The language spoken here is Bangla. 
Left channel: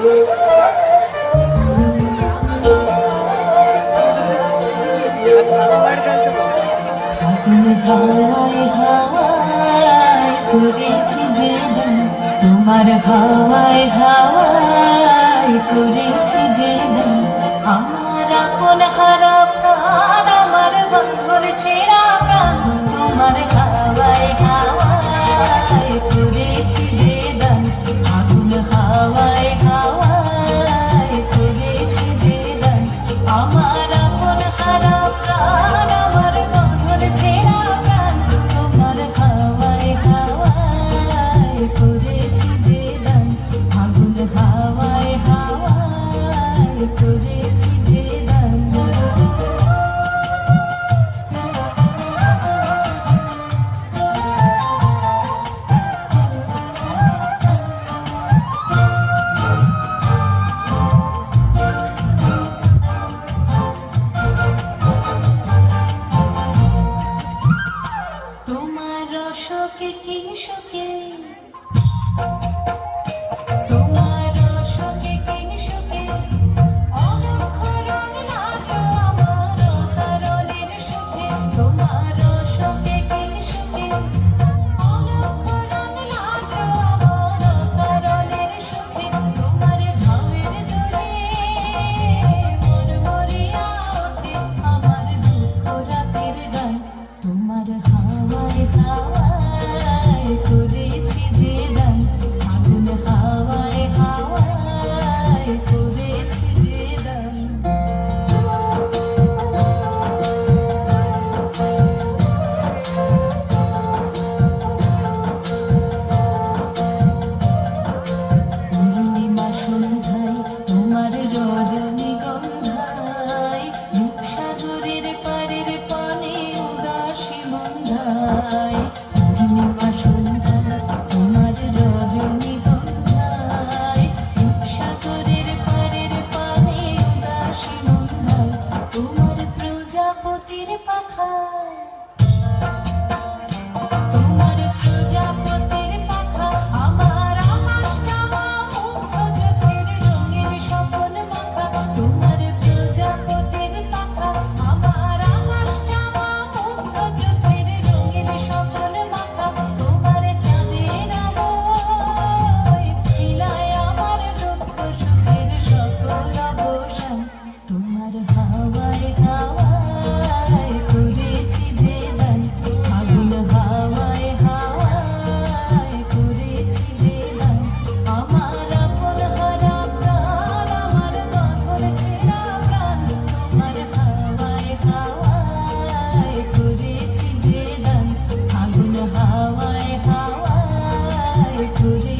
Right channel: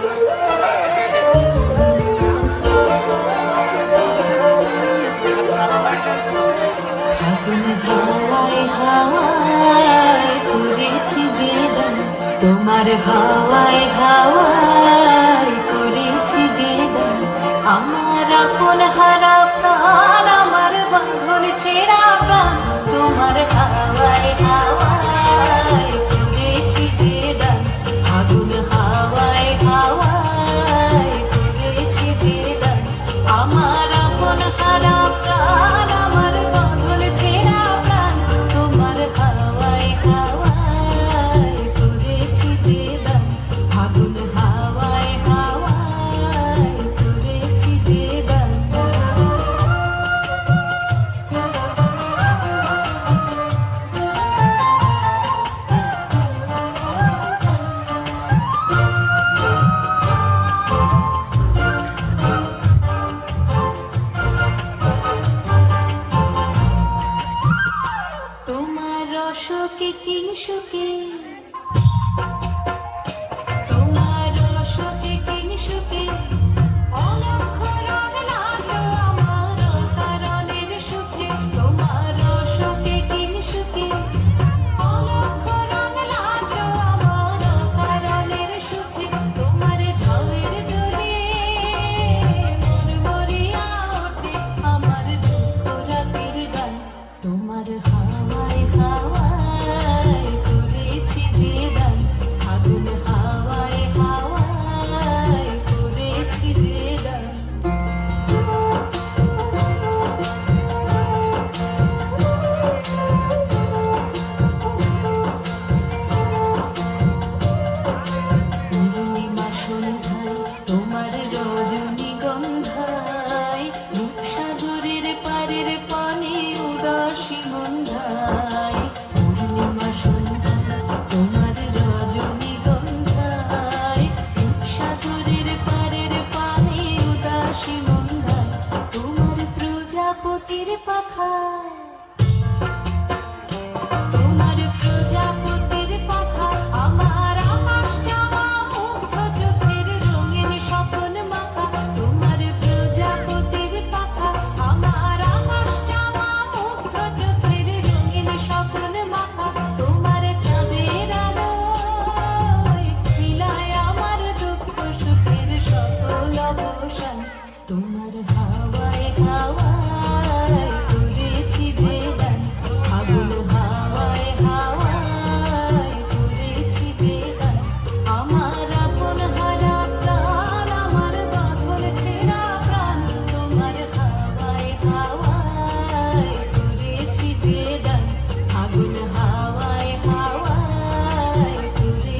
হাওয়ায় হাওয়ায় করেছি যে দান, তোমার হাওয়ায় হাওয়ায় করেছি যে দান, আমার আপন হারা প্রাণ, আমার বন্ধন ছেঁড়া প্রাণ, তোমার হাওয়ায় হাওয়ায় করেছি যে দান, আগুন হাওয়ায় হাওয়ায় করেছি যে দান, আমার আপন হারা প্রাণ, আমার বন্ধন ছেঁড়া প্রাণ, তোমার হাওয়ায় হাওয়ায় করেছি যে দান, আগুন হাওয়ায় হাওয়ায় করেছি যে দান। তোমার রসকে কিংসুকে, তোমার রসকে কিংসুকে, অলক্ষ রং লাগলো আমার অকারণের সুখে, তোমার রসকে কিংসুকে, অলক্ষ রং লাগলো আমার অকারণের সুখে, তোমার ঝাউয়ের দোলে মন ভরিয়া ওঠে আমার দুঃখ রাতের গান, তোমার হাওয়ায় হাওয়ায় করেছি যে দান, আগুন হাওয়ায় হাওয়ায় করেছি যে দান। পূর্ণিমা সন্ধ্যায় তোমার রজনীগন্ধায়, রূপসাগরের পারের পানে উদাসী মন্ধায়, পূর্ণিমা সন্ধ্যায় তোমার রজনীগন্ধায়, রূপসাগরের পারের পানে উদাসী মন্ধায়, তোমার প্রজাপতির পাখা, তোমার প্রজাপতির পাখা, আমার আকাশ চাওয়া মুগ্ধ চোখের রঙিন স্বপন মাখা, তোমার প্রজাপতির পাখা, আমার আকাশ চাওয়া মুগ্ধ চোখের রঙিন স্বপন মাখা, তোমার চাঁদের আলোয় মিলায় আমার দুঃখ সুখের সকল অবসান, তোমার হাওয়ায় হাওয়ায় করেছি যে দান, আগুন হাওয়ায় হাওয়ায় করেছি যে দান, আমার আপন হারা প্রাণ, আমার বাঁধন ছেঁড়া প্রাণ, তোমার হাওয়ায় হাওয়ায় করেছি যে দান, আগুন হাওয়ায় হাওয়ায় করেছি